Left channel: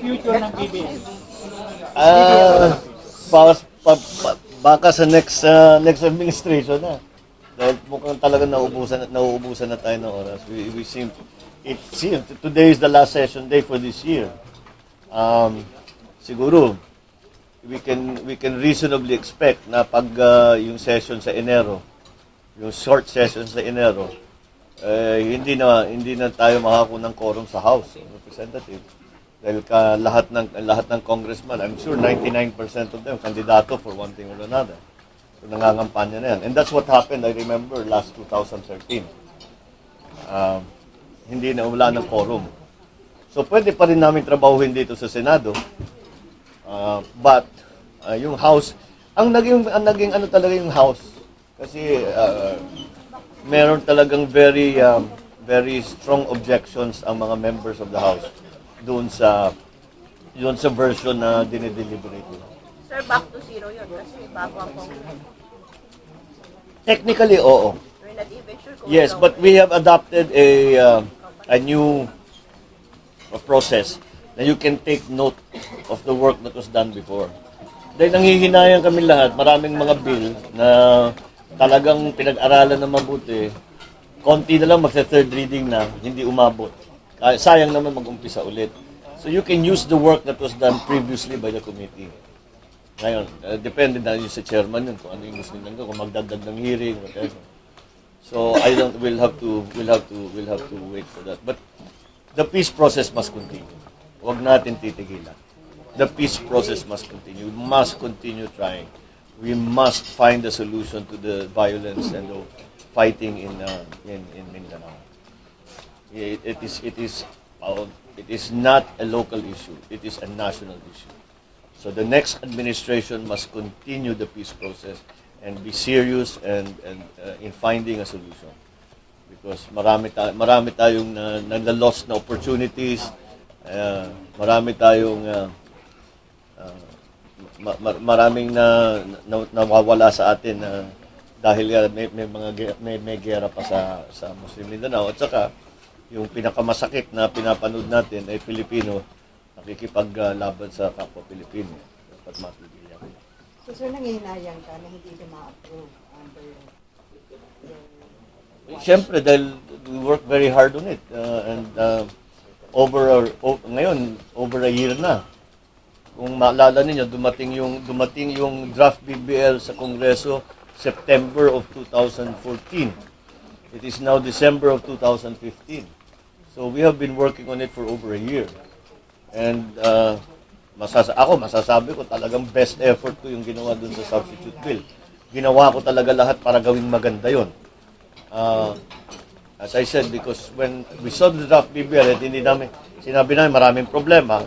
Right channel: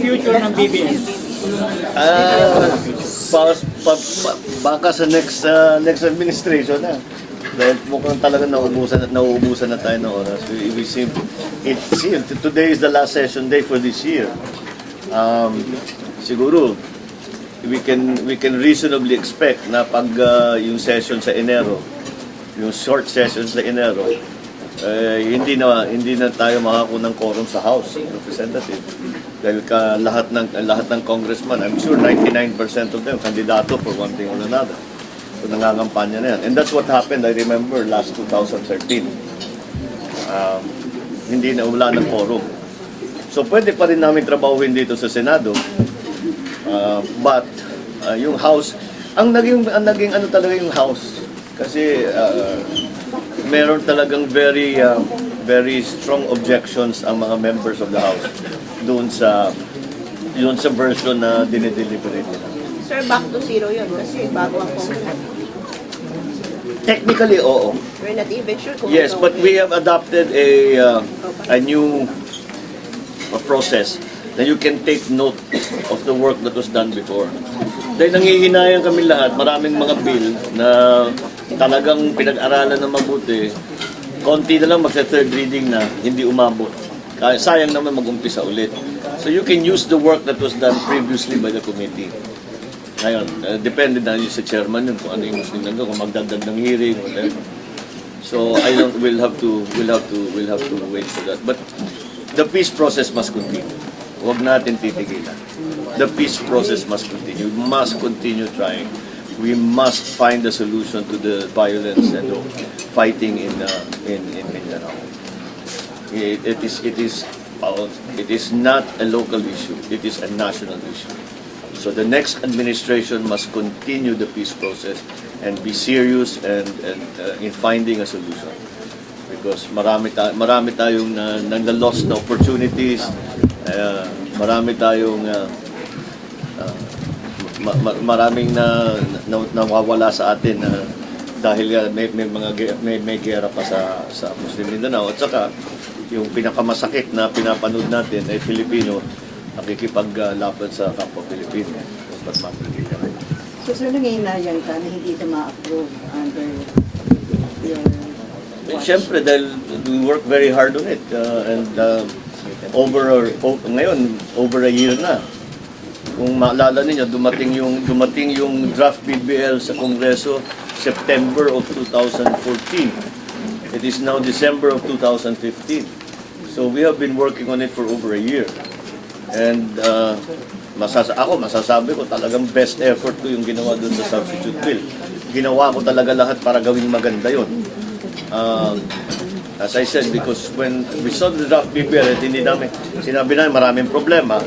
future ng BBM? Baka, baka sa next administration na. Dahil mukhang talaga nauubusan na tayo ng oras. We seem, today is the last session day for this year. Siguro, we can reasonably expect na pag yung session sa Enero, yung short session sa Enero, hindi na tayo makakuha ng quorum sa House Representative. Dahil lahat ng congressman, I'm sure 99% of them kandidato for one thing or another. So nangangampanya na yan. And that's what happened, I remember, last 2013. Hindi na wala ng quorum. So pwede pa rin namin trabahuhin dito sa Senado. But yung House, ang naging ano talaga yung House, kasi meron talagang very strong objections ang mga members of the House doon sa version na dinideliberate nila. Sir, back to zero yun kasi bago ang Congress. Technically, oo. We're not even sure kung Yes, ito- but we have adopted a new process that you can take note of the work that was done before. Dahil nanghihinayan kami lahat, maraming mga bill na talagang pinag-aralan na mabuti, konti na lang magsa-third reading na, hindi umabot. Sayang naman mag-umpisa ulit. So you can use the work that was done previously by the committee. Ngayon, depende na yun sa chairman yun kung ano yung gusto nila, kung magdagdag ng hearing, whatever. So we'll have to wait for that. But the peace process must continue. Huwag natin titigilan. The peace process must continue. We must continue trying. We must find a solution to the violence and the fighting in Mindanao. It is not a local issue. It is a national issue. So the next administration must continue the peace process and be serious and in finding a solution. Because marami tayong na-lost na opportunities, marami tayong maraming nawawala sa atin dahil may gera pa sa Muslim Mindanao. At saka yung pinakamasakit na pinapanood natin ay Pilipino nakikipaglaban sa kapwa Pilipino. Dapat mapagkikita. So, sir, nangyayayan ka na hindi ito ma-approve under your watch? Siyempre, dahil we work very hard on it. Ngayon, over a year na. Kung maalala ninyo, dumating yung draft BBL sa Kongreso September of 2014. It is now December of 2015. So we have been working on it for over a year. And masasabi ko talagang best effort ko yung ginawa dun sa substitute bill. Ginawa ko talaga lahat para gawing maganda yon. As I said, because when we saw the draft BBL, sinabi namin maraming problema.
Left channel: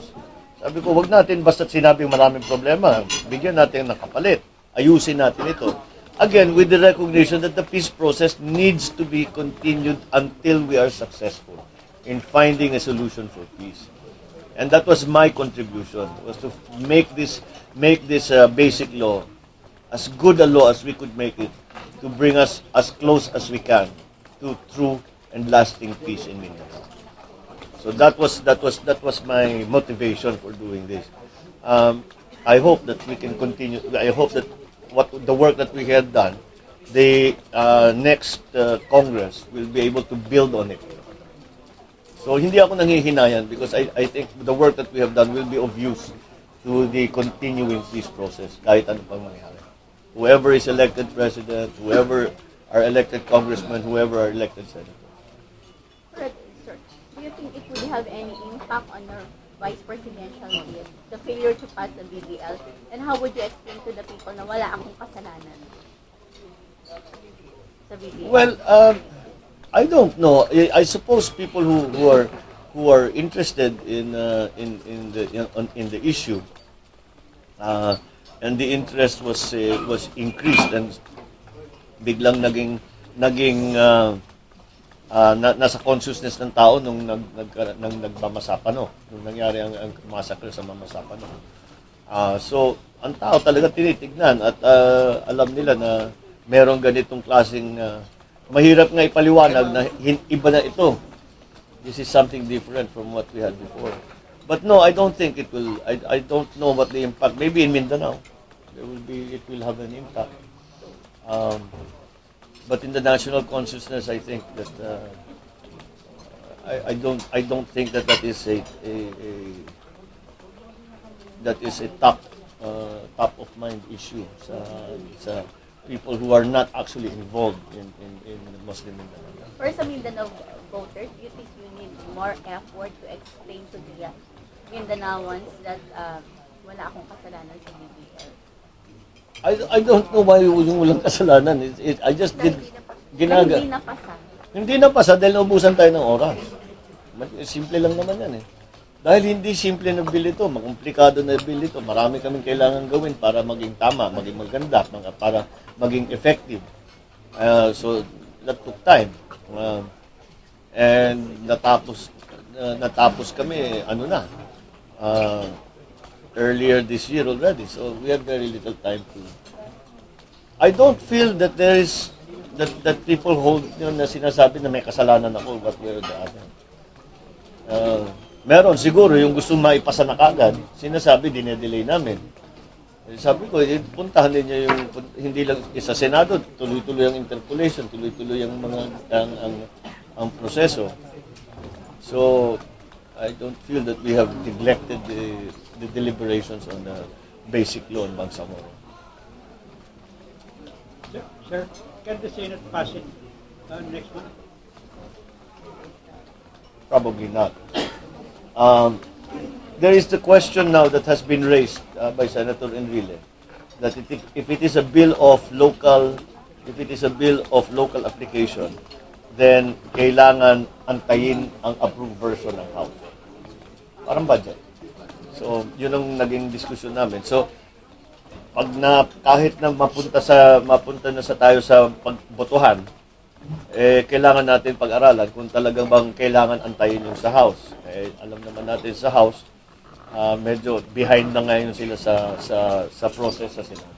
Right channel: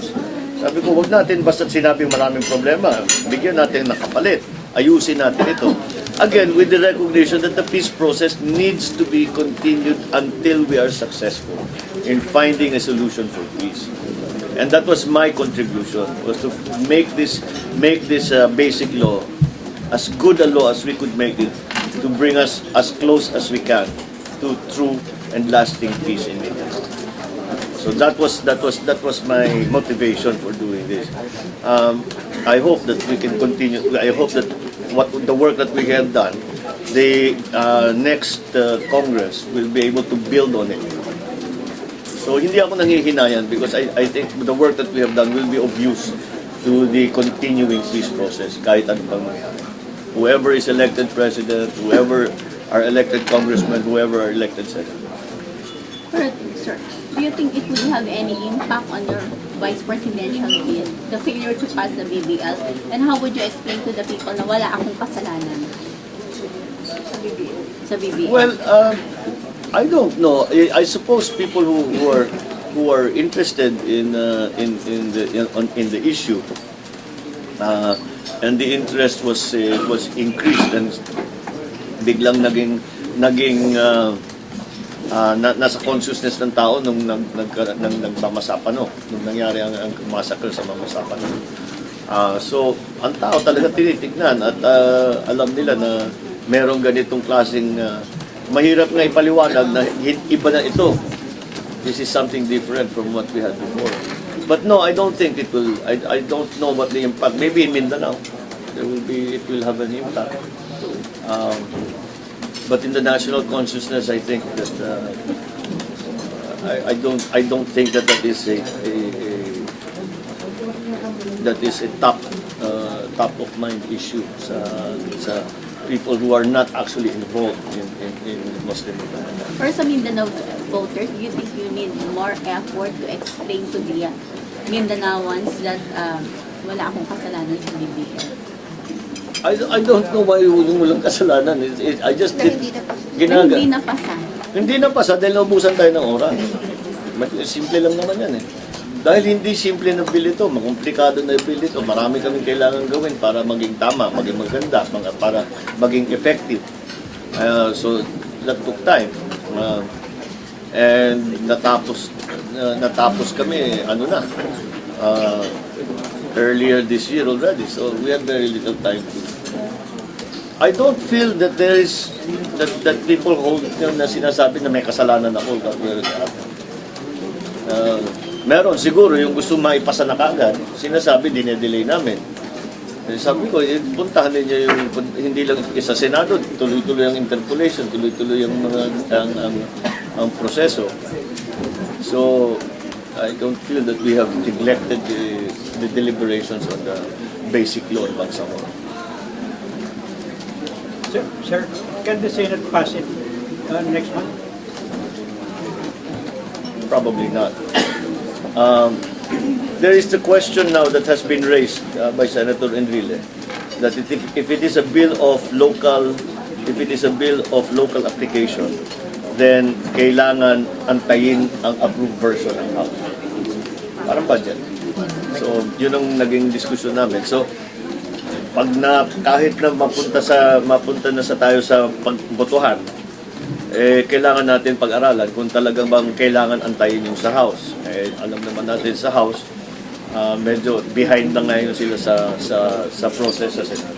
Sabi ko, wag natin basta't sinabing maraming problema. Bigyan natin ng kapalit. Ayusin natin ito. Again, with the recognition that the peace process needs to be continued until we are successful in finding a solution for peace. And that was my contribution, was to make this basic law as good a law as we could make it, to bring us as close as we can to true and lasting peace in Mindanao. So that was my motivation for doing this. I hope that we can continue. I hope that the work that we have done, the next Congress will be able to build on it. So hindi ako nanghihinayang because I think the work that we have done will be of use to the continuing peace process kahit ano pang mangyari. Whoever is elected president, whoever are elected congressmen, whoever are elected senators. But, sir, do you think it will have any impact on your vice presidential bid, the failure to pass the BBL? And how would you explain to the people na wala akong kasalanan sa BBL? Well, I don't know. I suppose people who are interested in the issue, and the interest was increased and biglang naging nasa consciousness ng tao nung nagmamasapano, nung nangyari ang massacre sa Mamasapano. So, ang tao talaga tinitignan at alam nila na merong ganitong klaseng mahirap nga ipaliwanag na iba na ito. This is something different from what we had before. But no, I don't think it will. I don't know what the impact. Maybe in Mindanao, it will have an impact. But in the national consciousness, I think that I don't think that that is a top of mind issue sa people who are not actually involved in Muslim Mindanao. For some Mindanao voters, do you think you need more effort to explain to the Mindanaoans that wala akong kasalanan sa BBM? I don't know why walang kasalanan. I just did Na hindi napasa. Hindi na pasa dahil naubusan tayo ng oras. Simple lang naman yan eh. Dahil hindi simple na bill ito, makomplikado na bill ito, marami kaming kailangan gawin para maging tama, maging maganda, para maging effective. So, that took time. And natapos kami, earlier this year already. So, we had very little time to. I don't feel that there is, that people hold, na sinasabi na may kasalanan ako, that we're the other. Meron siguro yung gusto maipasa na kagad, sinasabi dinedelay namin. Sabi ko, puntahan ninyo yung, hindi lang sa Senado, tuloy-tuloy ang interpolation, tuloy-tuloy ang ang proseso. So, I don't feel that we have neglected the deliberations on the basic law in Bangsamoro. Sir, can the Senate pass it next month? Probably not. There is the question now that has been raised by Senator Enrile that if it is a bill of local application, then kailangan antayin ang approved version ng House. Parang budget. So, yun ang naging diskusyon namin. So, kahit na mapunta na tayo sa pagbotohan, kailangan natin pag-aralan kung talagang bang kailangan antayin yung sa House. Alam naman natin sa House, medyo behind na ngayon sila sa process sa Senate.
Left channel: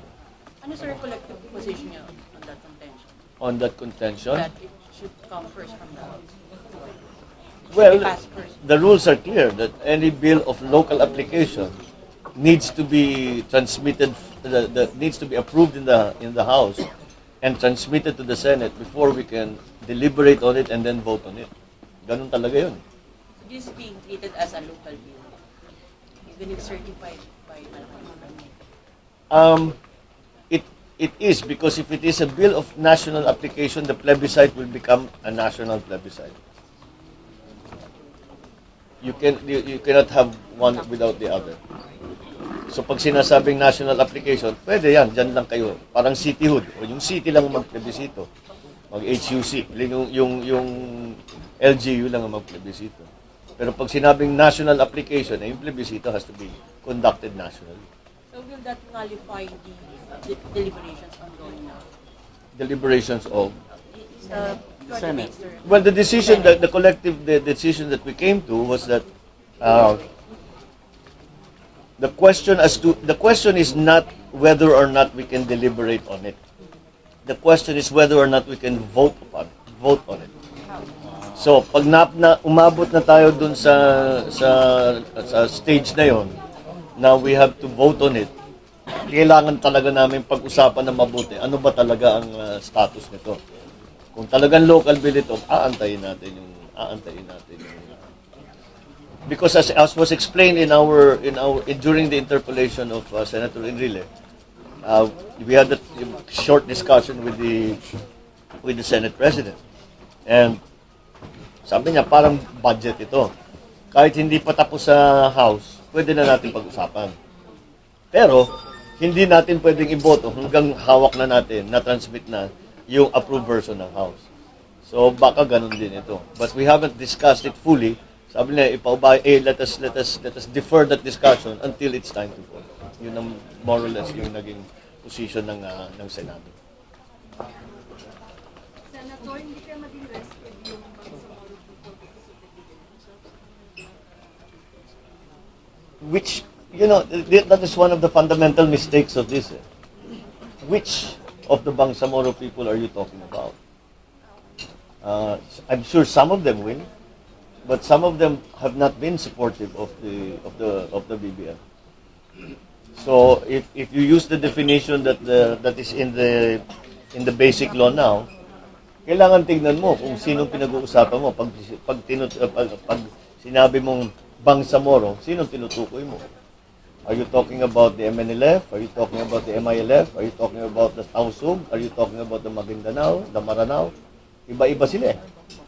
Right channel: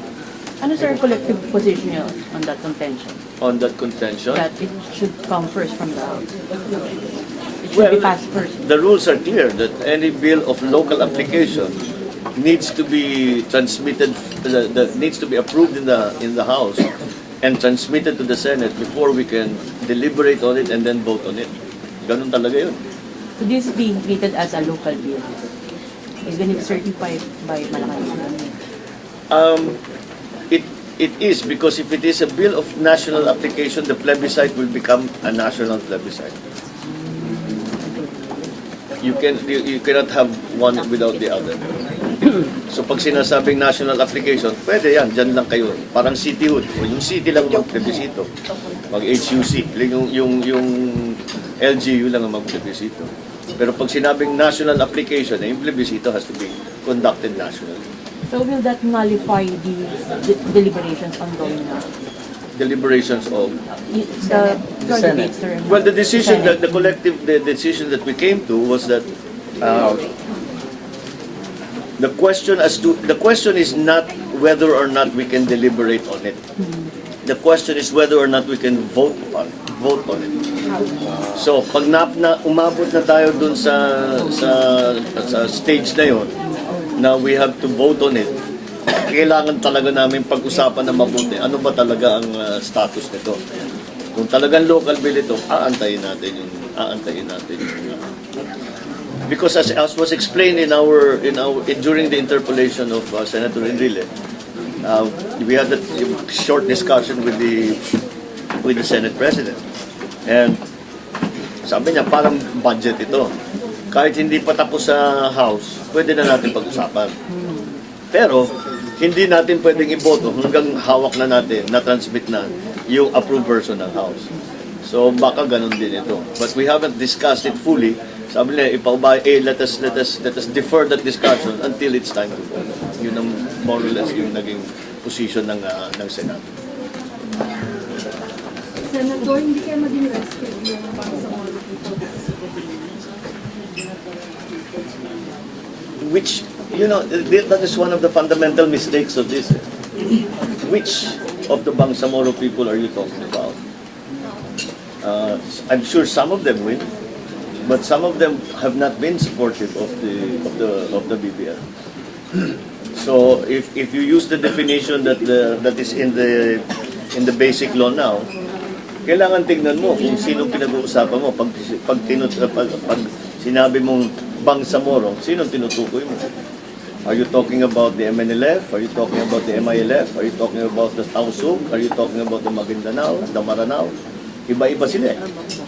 Ano sir, collective position niyo on that contention? On that contention, That it should come first from the House? It should well, be passed first? the rules are clear that any bill of local application needs to be transmitted, needs to be approved in the House and transmitted to the Senate before we can deliberate on it and then vote on it. Ganun talaga yun. So this is being treated as a local bill, even if certified by Malacanang? It is, because if it is a bill of national application, the plebiscite will become a national plebiscite. You cannot have one without the other. So pag sinasabing national application, pwede yan, dyan lang kayo. Parang cityhood. Yung city lang mag-plebisito. Mag-HUC. Yung LGU lang ang mag-plebisito. Pero pag sinabing national application, yung plebisito has to be conducted nationally. So will that nullify the deliberations ongoing now? Deliberations of... The debates during Well, the decision, the collective decision that we came to was that the question is not whether or not we can deliberate on it. The question is whether or not we can vote on it. So, pag umabot na tayo dun sa stage na yon, now we have to vote on it. Kailangan talaga namin pag-usapan na mabuti. Ano ba talaga ang status nito? Kung talagang local bill ito, aantayin natin yung because as was explained during the interpellation of Senator Enrile, we had a short discussion with the Senate President, and sabi niya parang budget ito. Kahit hindi pa tapos sa House, pwede na natin pag-usapan. Pero hindi natin pwedeng iboto hanggang hawak na natin, na-transmit na yung approved version ng House. So baka ganun din ito. But we haven't discussed it fully. Sabi nila, let us defer that discussion until it's time to vote. Yun ang more or less yung naging position ng Senado. Senator, hindi kayo maging rescue yung Bangsamoro people. Which, that is one of the fundamental mistakes of this. Which of the Bangsamoro people are you talking about? I'm sure some of them will. but some of them have not been supportive of the BBL. So if you use the definition that is in the basic law now, kailangan tingnan mo kung sino pinag-uusapan mo. Pag sinabi mong Bangsamoro, sino tinutukoy mo? Are you talking about the MNLF? Are you talking about the MILF? Are you talking about the Tausug? Are you talking about the Maguindanao, the Maranao? Iba-iba sila eh.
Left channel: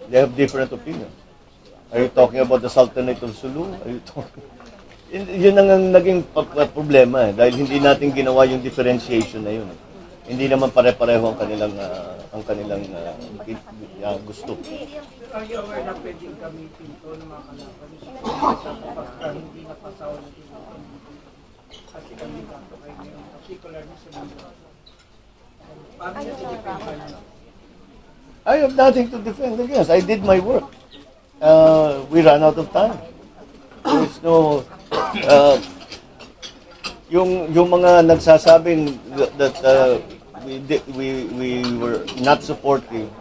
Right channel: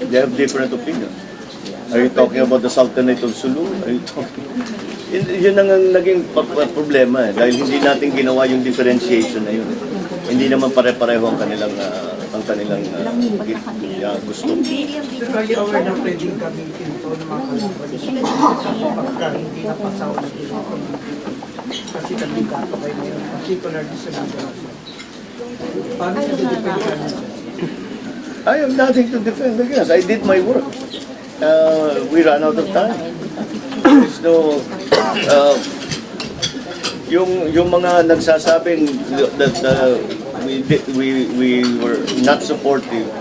They have different opinions. Are you talking about the Sultanate of Sulu? Are you talking... Yun ang naging problema eh. Dahil hindi natin ginawa yung differentiation na yun. Hindi naman pare-pareho ang kanilang gusto. Pero are you aware na pwedeng gamitin ito ng mga kalaban pagka hindi napasaw na ito? Kasi kandidato kayo ngayon, particularly sa Mindanao. Paano nyo didepende nyo? I have nothing to defend against. I did my work. We ran out of time. There's no... yung mga nagsasabing that we were not supportive,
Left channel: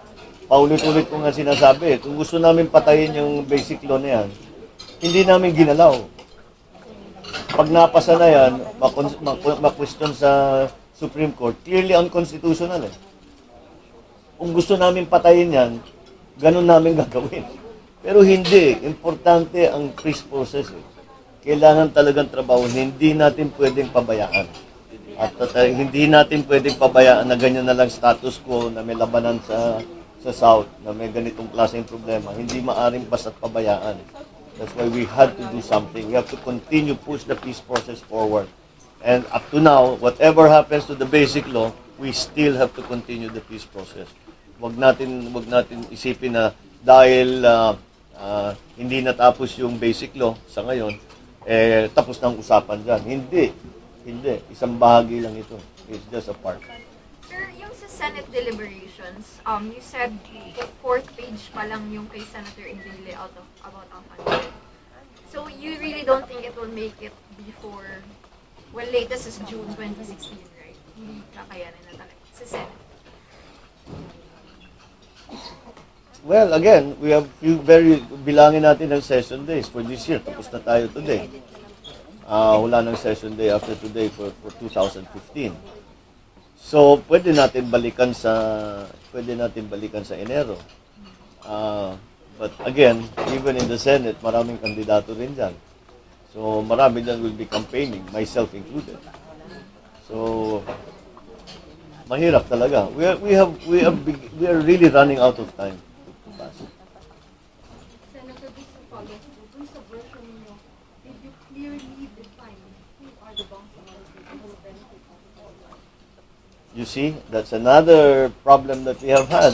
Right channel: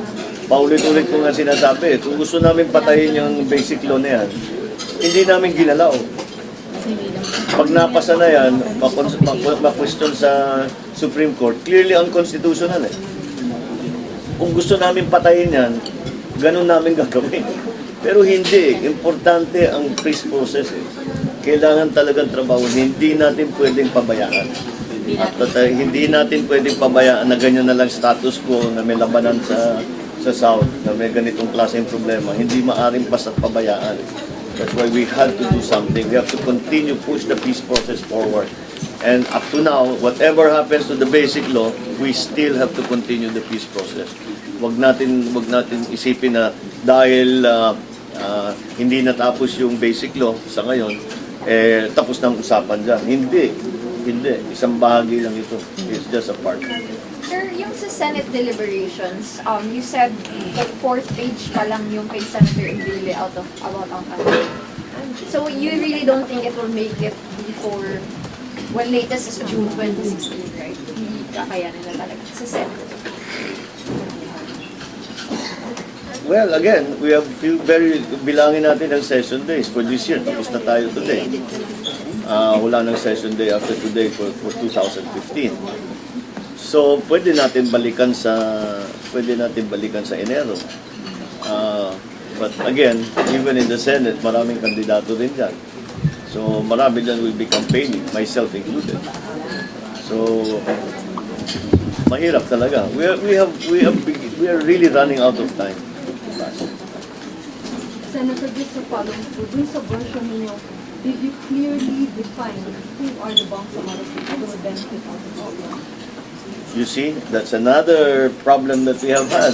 paulit-ulit ko nga sinasabi, kung gusto namin patayin yung basic law na yan, hindi namin ginalaw. Pag napasa na yan, ma-question sa Supreme Court, clearly unconstitutional eh. Kung gusto namin patayin yan, ganun namin gagawin. Pero hindi, importante ang peace process eh. Kailangan talagang trabaho, hindi natin pwedeng pabayaan. At hindi natin pwedeng pabayaan na ganyan na lang status quo na may labanan sa South, na may ganitong klaseng problema. Hindi maaring basta pabayaan. That's why we had to do something. We have to continue push the peace process forward. And up to now, whatever happens to the basic law, we still have to continue the peace process. Wag natin isipin na dahil hindi natapos yung basic law sa ngayon, tapos ng usapan dyan. Hindi. Isang bahagi lang ito. It's just a part. Sir, yung sa Senate deliberations, you said that 4th page pa lang yung kay Senator Enrile about ang campaign. So you really don't think it will make it before, well, latest is June 2016, right? Hindi kakayanin na talaga sa Senate. Well, again, we have bilangin natin ang session days for this year. Tapos na tayo today. Wala nang session day after today for 2015. So, pwede natin balikan sa Enero. But again, even in the Senate, maraming kandidato rin dyan. So, marami dyan will be campaigning, myself included. So, mahirap talaga. We are really running out of time. Senator, just to follow through, dun sa version ninyo, did you clearly define who are the Bangsamoro people who will benefit out of all this? You see, that's another problem that we have had.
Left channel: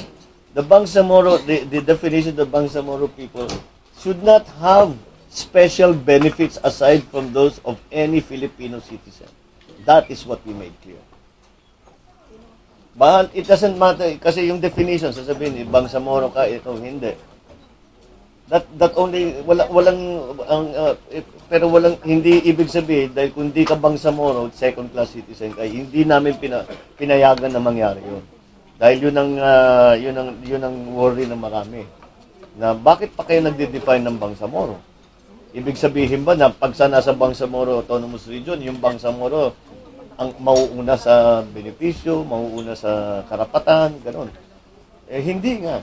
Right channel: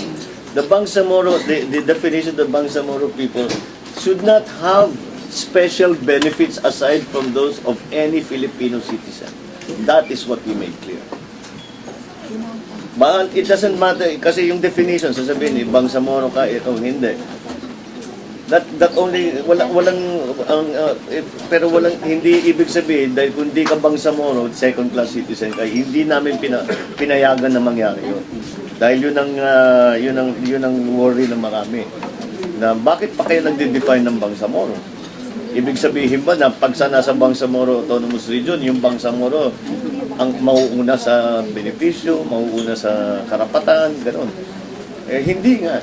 The Bangsamoro, the definition of Bangsamoro people should not have special benefits aside from those of any Filipino citizen. That is what we made clear. Mahal, it doesn't matter, kasi yung definition, sasabihin, Bangsamoro ka, ito, hindi. That only, pero hindi ibig sabihin, dahil kung di ka Bangsamoro, second class citizen ka, hindi namin pinayagan na mangyari yun. Dahil yun ang worry ng marami. Na bakit pa kayo nagde-define ng Bangsamoro? Ibig sabihin ba na pag sa nasa Bangsamoro Autonomous Region, yung Bangsamoro ang mauuna sa benepisyo, mauuna sa karapatan, gano'n. Hindi nga.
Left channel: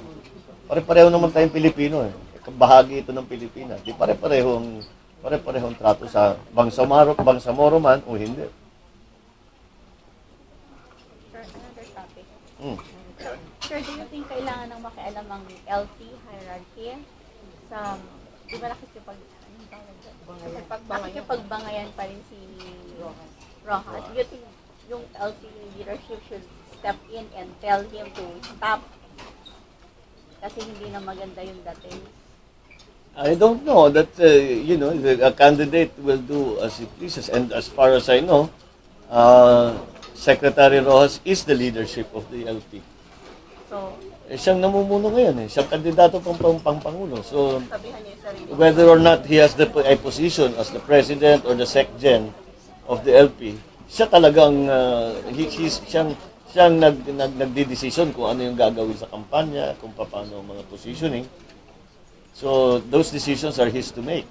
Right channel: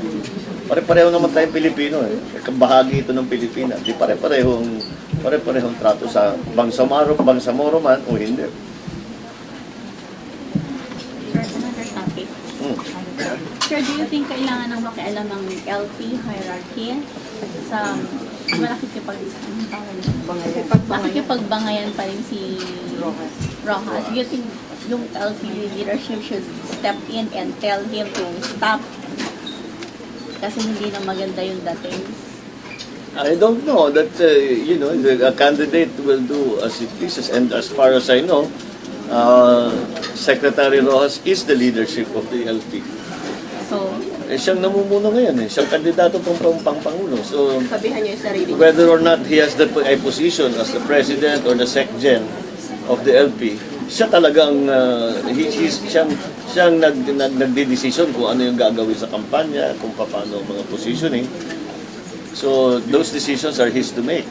Pare-pareho naman tayong Pilipino eh. Bahagi ito ng Pilipinas. Di pare-parehong trato sa Bangsamoro man o hindi. Sir, another topic. Sir, do you think kailangan ng makialam ang LP hierarchy sa nakikipagbangayan pa rin si Rojas? Do you think yung LP leadership should step in and tell him to stop kasi hindi na maganda yung dating? I don't know that, a candidate will do as it pleases. And as far as I know, Secretary Rojas is the leadership of the LP. So, Siyang namumuno ngayon eh. Siyang kandidato pang Pangulo. So, Sabihan niyo yung sarili. whether or not he has a position as the president or the SecGen of the LP, siya talagang, siyang nagdidesisyon kung ano yung gagawin sa kampanya, kung paano mga positioning. So those decisions are his to make.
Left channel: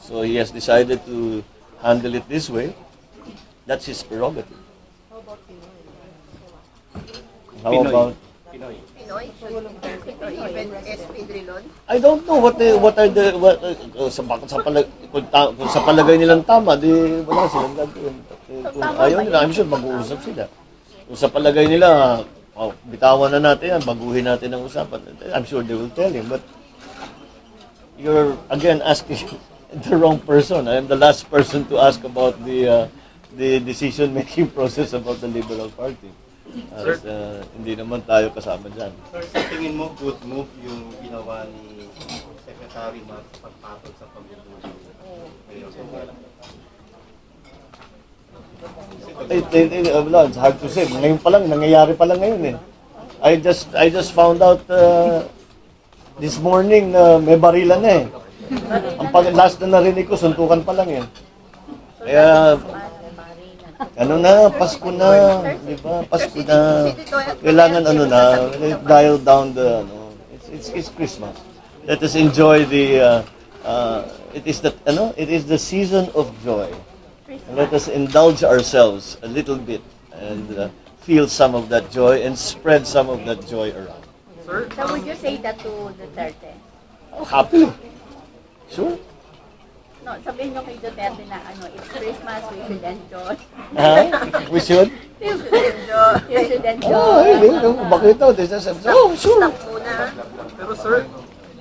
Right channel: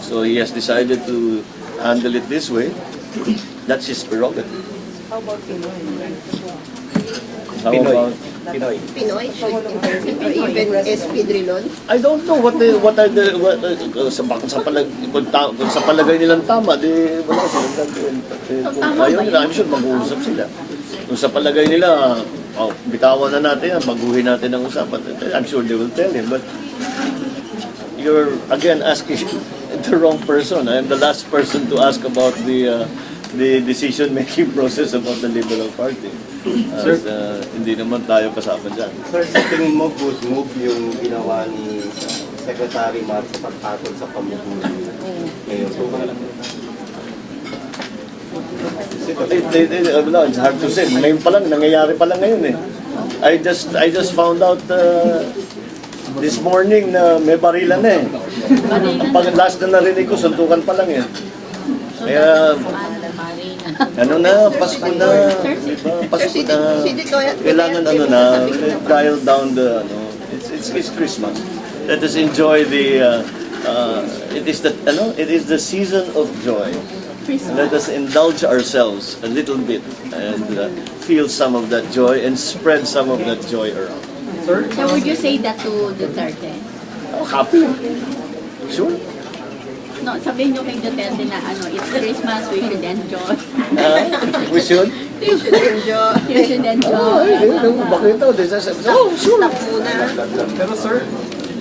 So he has decided to handle it this way. That's his prerogative. How about Pinoy? How about? Pinoy should intervene or even SP Drilon. I don't know what are the kung sa palagay nilang tama, di wala silang kung ayaw nila, I'm sure mag-uusap sila. Kung sa palagay nila, bitawan na natin yan, baguhin natin ang usapan. I'm sure they will tell him, but you're again asking the wrong person. I'm the last person to ask about the decision-making process about the Liberal Party. Sir? Hindi naman tayo kasama dyan. Sir, sa tingin mo, good move yung ginawa ni Secretary Mar sa pagtatol sa pamumuno ngayon? It's hard to say. Ngayon pa lang, nangyayari pa lang ngayon eh. I just found out this morning na may barilan na eh. Ang last na narinig ko, suntukan pa lang eh. Kaya, ano na, Pasko na, diba? Pasko na. Kailangan ano na, dial down the, it's Christmas. Let us enjoy the, it is the season of joy. Let us indulge ourselves a little bit and feel some of that joy and spread some of that joy around. So would you say that to Duterte? Oh, happy. Sure. No, sabihin nyo kay Duterte na it's Christmas, we should enjoy. We should. You should enjoy. Bakit ito? Sure. Pero sir,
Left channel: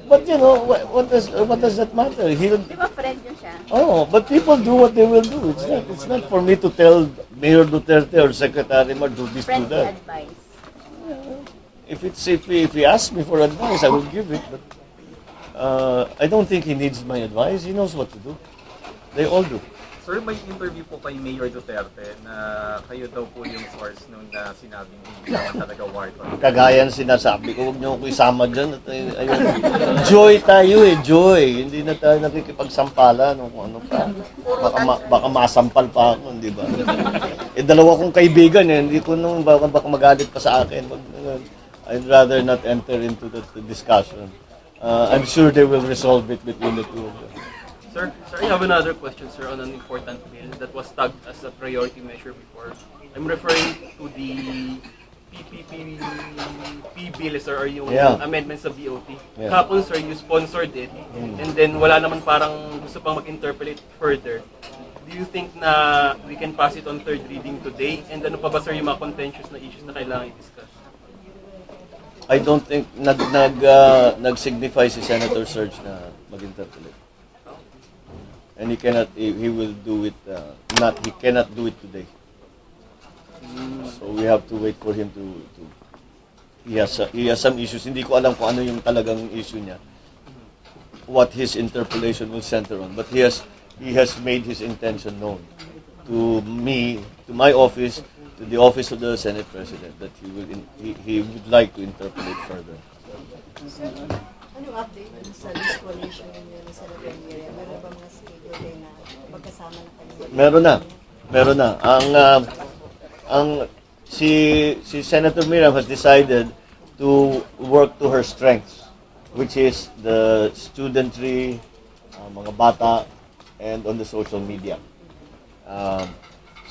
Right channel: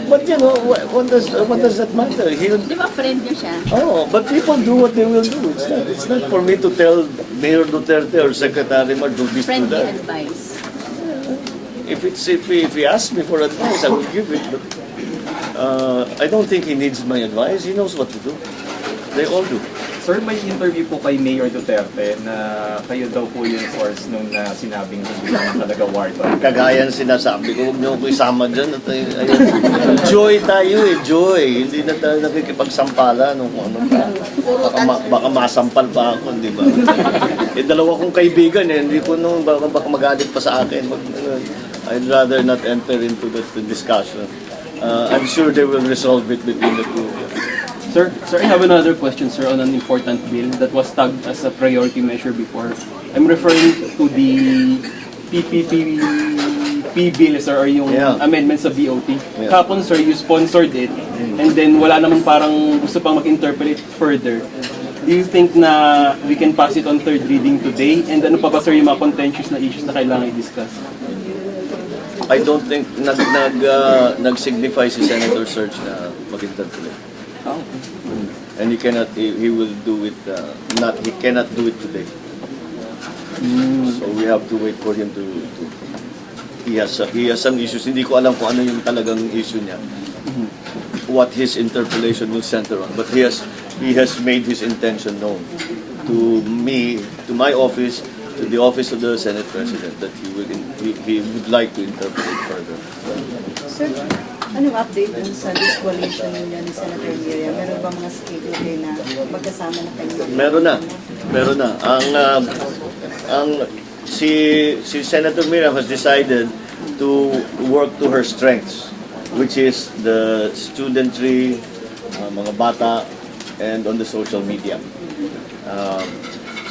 But you know, what does that matter? Di ba friend nyo siya? Oh, but people do what they will do. It's not for me to tell Mayor Duterte or Secretary Mar do this, do Friendly that. advice. If he asks me for advice, I will give it. But I don't think he needs my advice. He knows what to do. They all do. Sir, may interview po kay Mayor Duterte na kayo daw po yung source nung sinabing hindi naman talaga war doon. Kagaya ng sinasabi ko, huwag niyo ko isama dyan. At, ayun. Joy tayo eh, joy. Hindi na tayo nakikipagsampala nung ano pa. Baka masampal pa ako, di ba? Dalawa kong kaibigan eh, hindi ko nung baka magalit pa sa akin. I'd rather not enter into the discussion. I'm sure they will resolve it between the two of them. Sir, I have another question, sir, on an important bill that was tagged as a priority measure before. I'm referring to the PPP bill, sir, or yung amendments sa BOT. Yeah. Kapon, sir, you sponsored it, and then wala naman parang gusto pang mag-interpret further. Do you think na we can pass it on third reading today? And ano pa ba, sir, yung mga contentious na issues na kailangan i-discuss? I don't think nag-signify si Senator Serge na mag-interpret. Oh. And he will do it, he cannot do it today. So we have to wait for him to he has some issues. Hindi ko alam kung ano yung talagang issue niya. What his interpolation will center on. But he has made his intention known to me, to my office, to the office of the Senate President, that he would like to interpret it further. Sir, anong update dun sa disqualification ninyo ni Senator Miriam? Meron ba mga schedule kayo na magkasama na kayo? Meron na. Si Senator Miriam has decided to work to her strengths, which is the studentry, mga bata, and on the social media.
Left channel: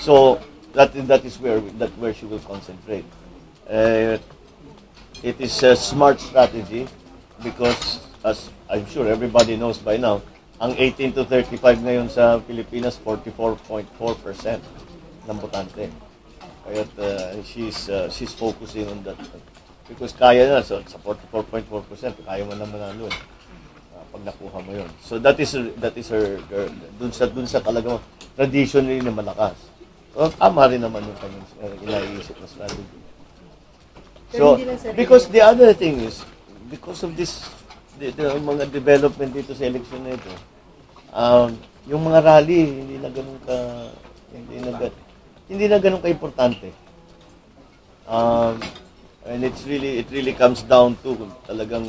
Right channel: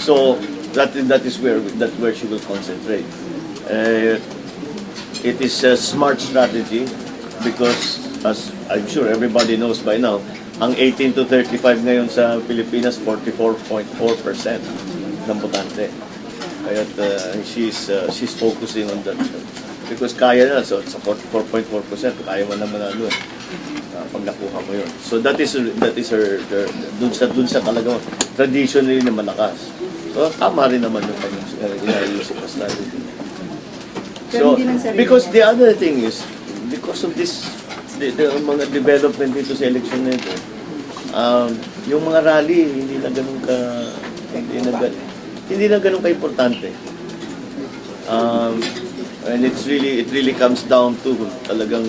So that is where she will concentrate. It is a smart strategy because, as I'm sure everybody knows by now, ang 18 to 35 ngayon sa Pilipinas, 44.4% ng botante. Kaya she's focusing on that because kaya na, so sa 44.4%, kaya mo naman ano pag nakuha mo yun. So that is her dun sa talagang traditionally na malakas. So tama rin naman yung inaayusip na strategy. So, because the other thing is, because of this, the mga development dito sa election na ito, yung mga rally, hindi na ganun ka-importante. And it really comes down to talagang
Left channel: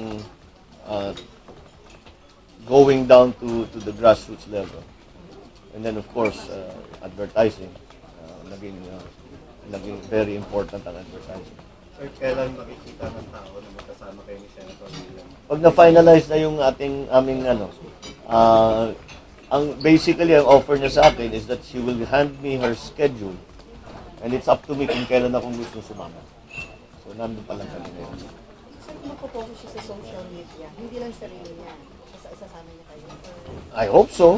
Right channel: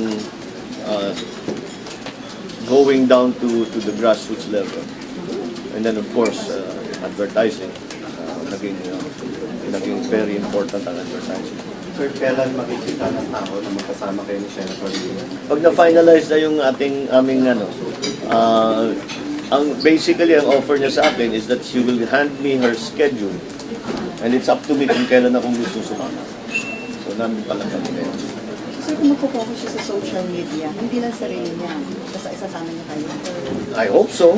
going down to the grassroots level. And then of course, advertising, naging very important ang advertising. Sir, kailan makikita ng tao na magkasama kayo ni Senator Lino? Pag na-finalize na yung aming basically ang offer niya sa akin is that she will hand me her schedule and it's up to me kung kailan akong gusto sumama. So namin pala kami ngayon. So kung magpo-focus siya sa social media, hindi lang sarili niya, basta isasama niya kayo. I hope so.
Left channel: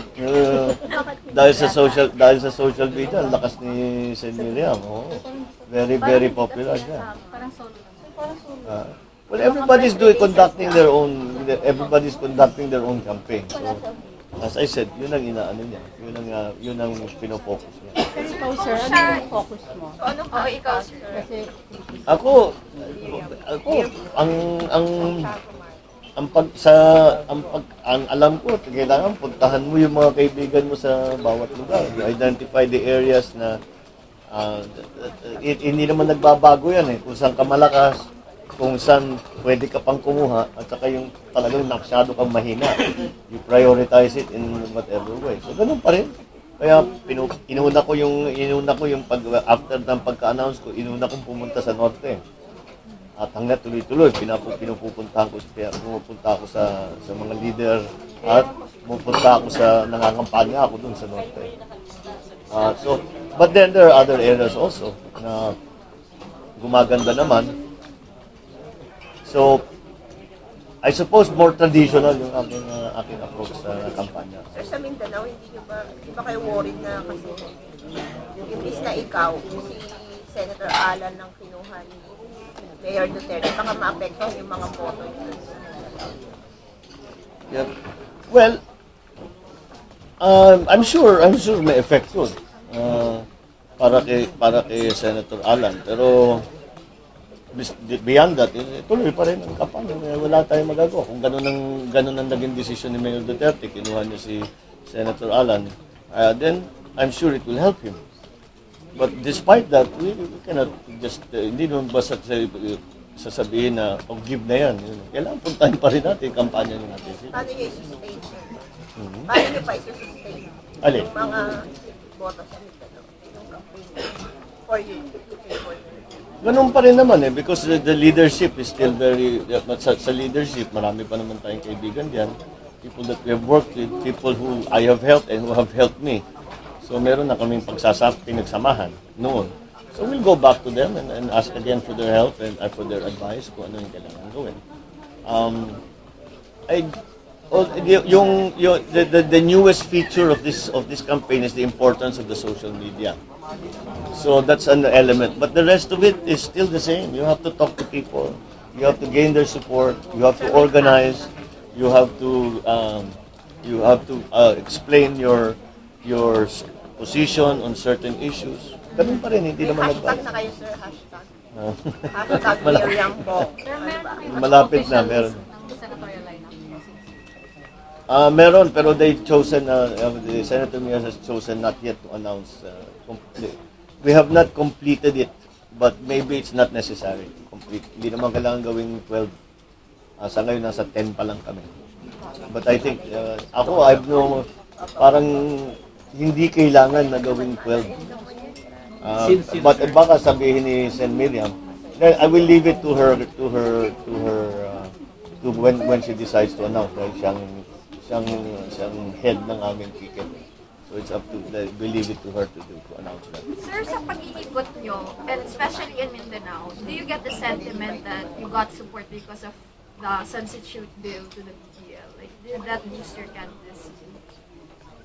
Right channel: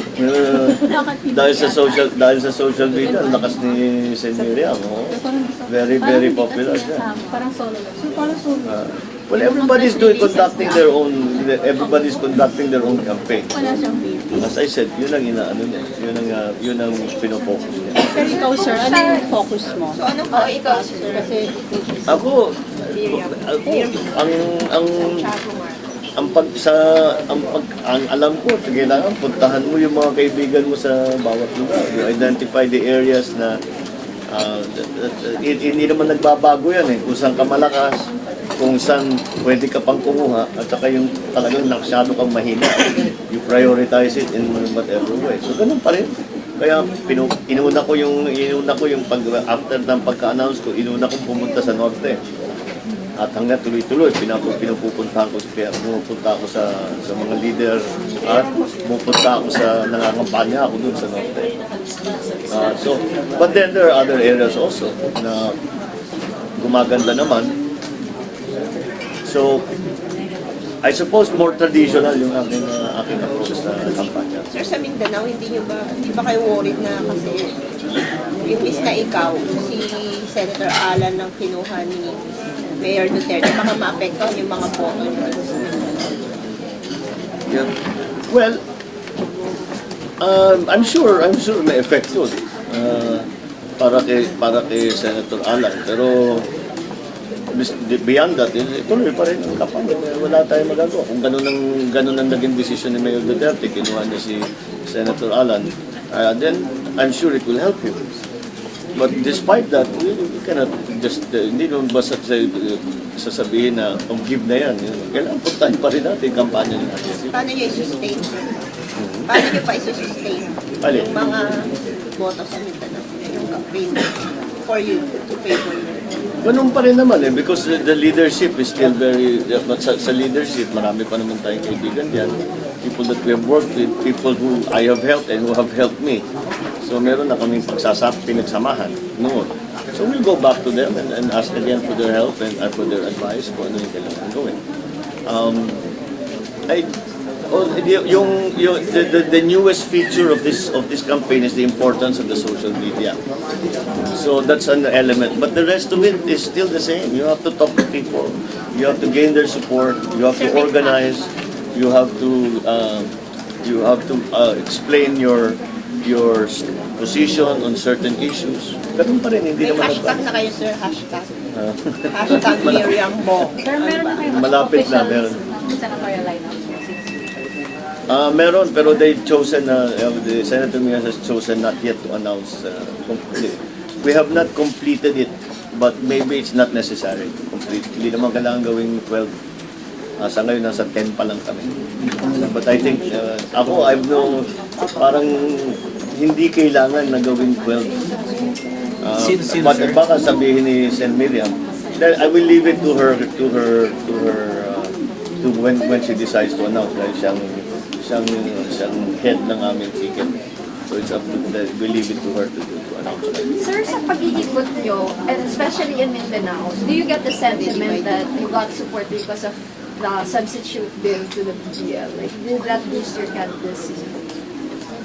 Dahil sa social media, ang lakas ni Sen Miriam. Oh. Very, very popular siya. Parang solo lang. So parang so, Well, everybody's conducting their own campaign. Wala siyang baby. As I said, yun ang inaano niya. Yun ang pinofocus niya. Pero ikaw, sir, ano yung focus mo? Oh, ikaw, sir. Kasi Ako, ang alam ko, kailangan puntahan mo yung mga kaibigan mo sa bawat lugar. You identify the areas na hindi naman nagbabago yan eh. Kung saan ka malakas, kung saan pwede ka pang kumuha, at saka yung talagang naksyado kang mahina. You prioritize it in whatever way. So ganun pa rin. Kaya inuna ko yung after ng pagka-announce ko, inuna kong pumunta sa norte. At hanggang tuloy-tuloy, pumupunta ako sa mga leader at pumupunta ako nangangampanya ako dun sa norte. But then there are other areas also na gumaganda naman. So, I suppose more traditional yung aking approach sa kampanya. Sir, sa Mindanao, hindi ba kayo worried na kasi imbis na ikaw, si Senator Alan ang kinuha ni Mayor Duterte, baka maapektuhan yung mga boto niya? Yeah. Well, I'm sure may effect yun para kay Senator Alan. Pero beyond that, tuloy pa rin ang kampanya. Wala tayong magagawa. Kung ganun ang naging desisyon ni Mayor Duterte, kinuha niya si Senator Alan, then I'm sure it will help him. But despite that, we cannot just, hindi naman basta sasabihin na, give na yan. Kailangan puntahan pa rin natin yung kampanya niya. Paano niyo i-sustain? Paano niyo pa i-sustain Alin? yung mga boto sa Mindanao? Yung campaign for you to favor you? Ganun pa rin naman because the leadership is still very, sa leadership, marami pa naman tayong kaibigan diyan. People that we have worked with, people who I have helped and who have helped me. So meron na kaming pinagsamahan noon. So we'll go back to them and ask again for their help and for their advice kung ano yung kailangan gawin. The newest feature of this campaign is the importance of the social media. So that's an element. But the rest of it is still the same. You have to talk to people. You have to gain their support. You have to organize. You have to explain your position on certain issues. Ganun pa rin, hindi May naman hashtag na kayo, sir, hashtag. Hashtag Miriam Bo. Sir, meron na kayo Malapit na, meron. senatorial lineup. Meron, pero they've chosen, the Senator Mia has chosen not yet to announce. We have not completed it, but maybe it's not necessary. Hindi naman kailangan gawing 12. Sa ngayon, nasa 10 pa lang kami. But I think, parang hindi kailangan na gawing 12. But baka sabihin ni Sen Miriam, then I will leave it to her when she decides to announce dahil siyang head ng aming ticket. So it's up to we leave it to her to announce that. Sir, sa pag-iikot nyo, and especially in Mindanao, do you get the sentiment that you got support because of the substitute bill to the PDL? Like, did that boost your candidacy?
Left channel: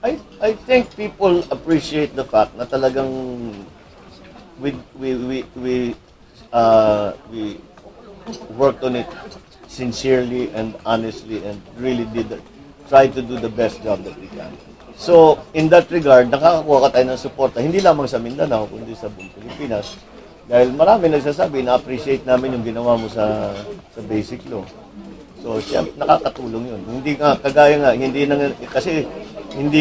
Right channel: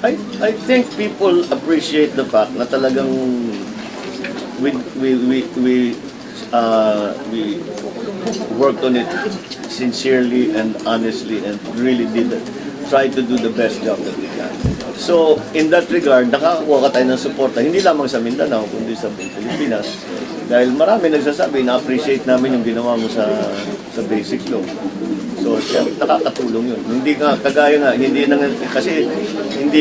I think people appreciate the fact na talagang we worked on it sincerely and honestly and really try to do the best job that we can. So, in that regard, nakakuha ka tayo ng suporta, hindi lamang sa Mindanao, kundi sa buong Pilipinas. Dahil marami nagsasabi, na-appreciate namin yung ginawa mo sa basic law. So, nakakatulong yun. Hindi nga, kagaya nga, kasi hindi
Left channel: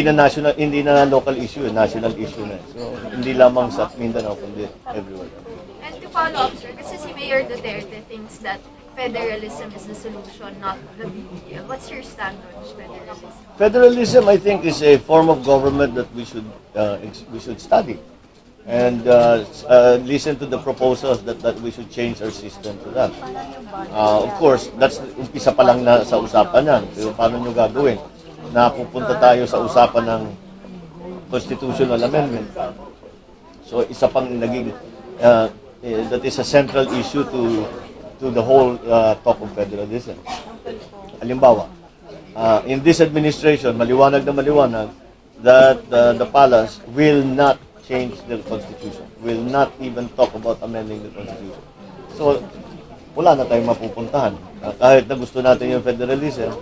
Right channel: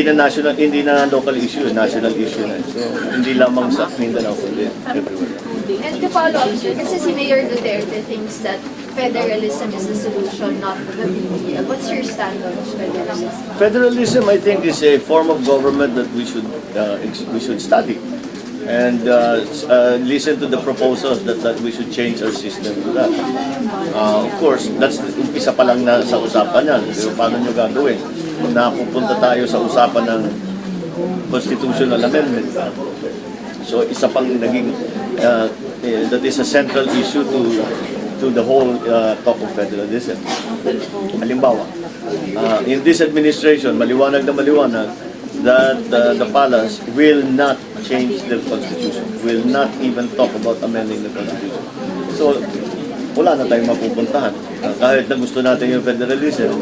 na local issue, national issue na. So, hindi lamang sa Mindanao, kundi everywhere. And to follow up, sir, kasi si Mayor Duterte thinks that federalism is the solution, not the PDL. What's your stand on federalism? Federalism, I think, is a form of government that we should study. and listen to the proposals that we should change our system to that. Of course, that's umpisa pa lang na sa usapan yan. Pero paano nyo gagawin? Napupunta tayo sa usapan ng constitutional amendment. So isa pang naging, that is a central issue to the whole talk of federalism. Halimbawa, in this administration, maliwanag na maliwanag that the palace will not change the constitution, will not even talk about amending the constitution. So, wala na tayong mapupuntahan. Kahit na gusto natin yung federalism,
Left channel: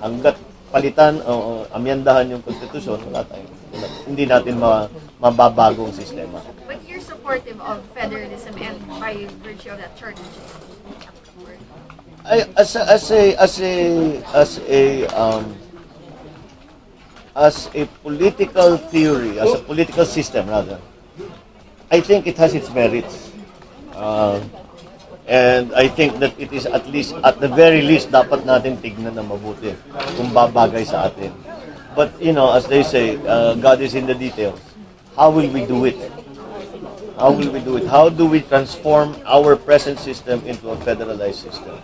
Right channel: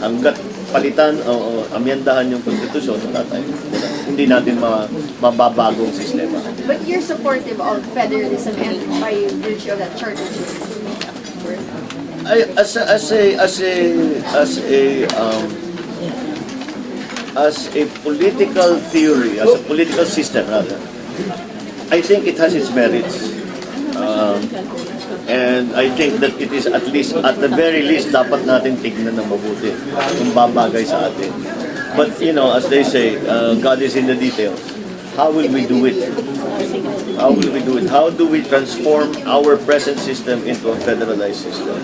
hanggat palitan o amyendahan yung constitution, hindi natin mababagong sistema. But you're supportive of federalism and by virtue of that charter. As a political theory, as a political system rather, I think it has its merits. And I think that it is at least, at the very least, dapat natin tignan ng mabuti kung babagay sa atin. But, you know, as they say, God is in the details. How will we do it? How will we do it? How do we transform our present system into a federalized system?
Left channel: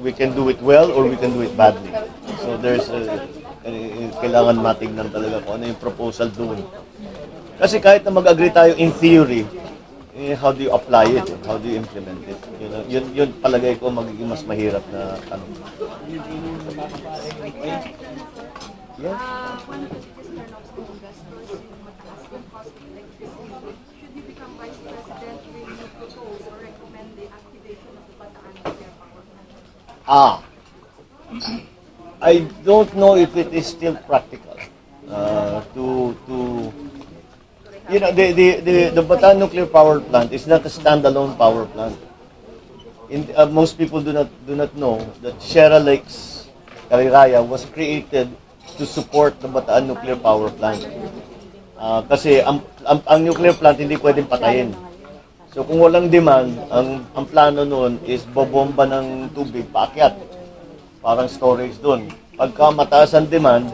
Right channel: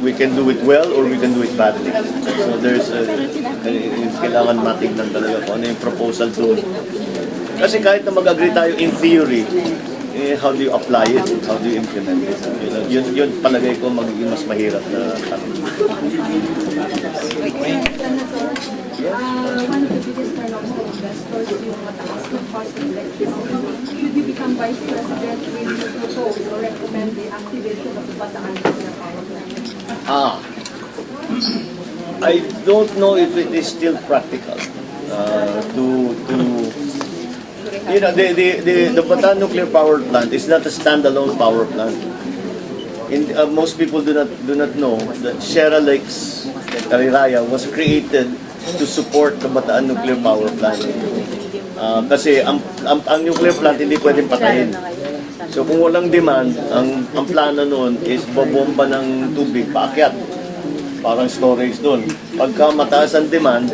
We can do it well or we can do it badly. So there's kailangan matignan talaga kung ano yung proposal doon. Kasi kahit na mag-agree tayo in theory, how do you apply it? How do you implement it? Yun palagay ko magiging mas mahirap na tanong. One of the biggest turn-offs to investors yung mataas ng cost of electricity. Should you become Vice President, will you propose or recommend the activation of the Bataan nuclear power plant? I don't know if it is still practical to you know, the Bataan nuclear power plant is not a standalone power plant. Most people do not know that Sierra Lakes Caliraya was created to support the Bataan nuclear power plant. Kasi ang nuclear plant hindi pwedeng patayin. So kung walang demand, ang plano noon is bobomba ng tubig paakyat. Parang storage doon. Pagka mataas ang demand,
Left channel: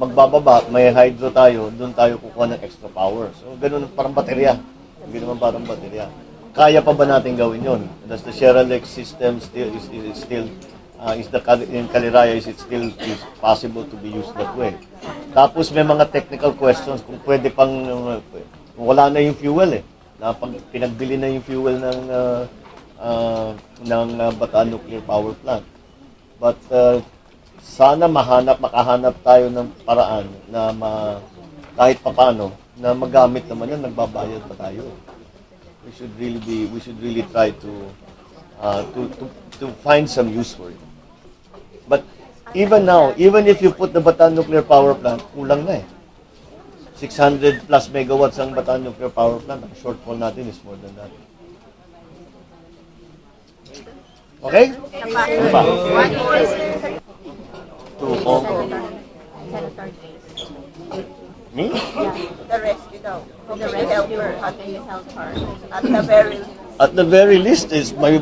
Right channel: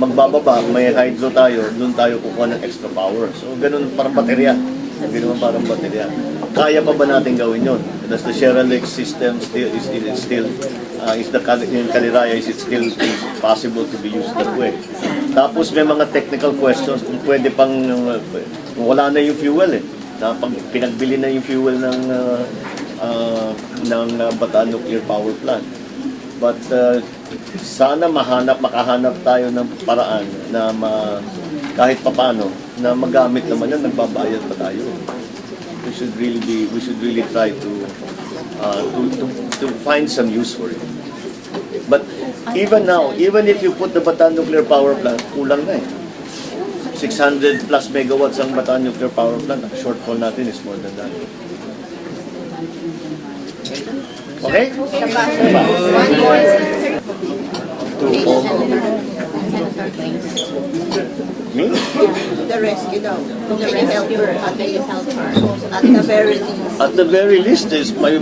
magbababa, may hydro tayo, doon tayo kukuha ng extra power. So, ganun parang baterya. Ganun parang baterya. Kaya pa ba natin gawin yon? Does the Sierra Lake system in Caliraya, is it still possible to be used that way? Tapos may mga technical questions kung pwede pang, kung wala na yung fuel na pag pinagbili na yung fuel ng Bataan Nuclear Power Plant. But sana makahanap tayo ng paraan na kahit papano na magamit naman yan, nagbabayad pa tayo. We should really try to find some use for it. But even now, even if you put the Bataan Nuclear Power Plant, kulang na 600 plus megawatts ang Bataan Nuclear Power Plant. Ang shortfall natin is more than that. Okay? One more. Me? The rescue daw. Can you help her at the very least? At the very least is my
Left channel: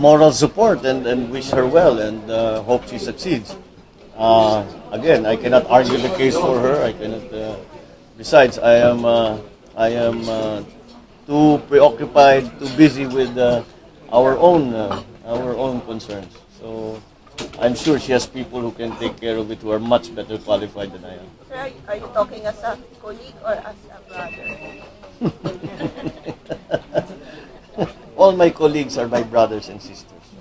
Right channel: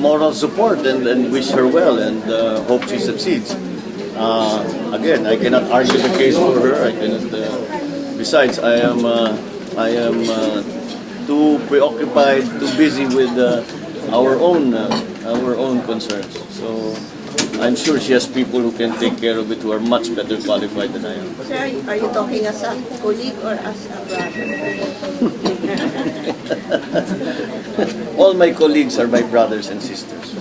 moral support and wish her well and hope she succeeds. Again, I cannot argue the case for her. I cannot. Besides, I am too preoccupied, too busy with our own concerns. So I'm sure she has people who can take care of it who are much better qualified than I am. Sir, are you talking as a colleague or as a brother? All my colleagues are my brothers and sisters.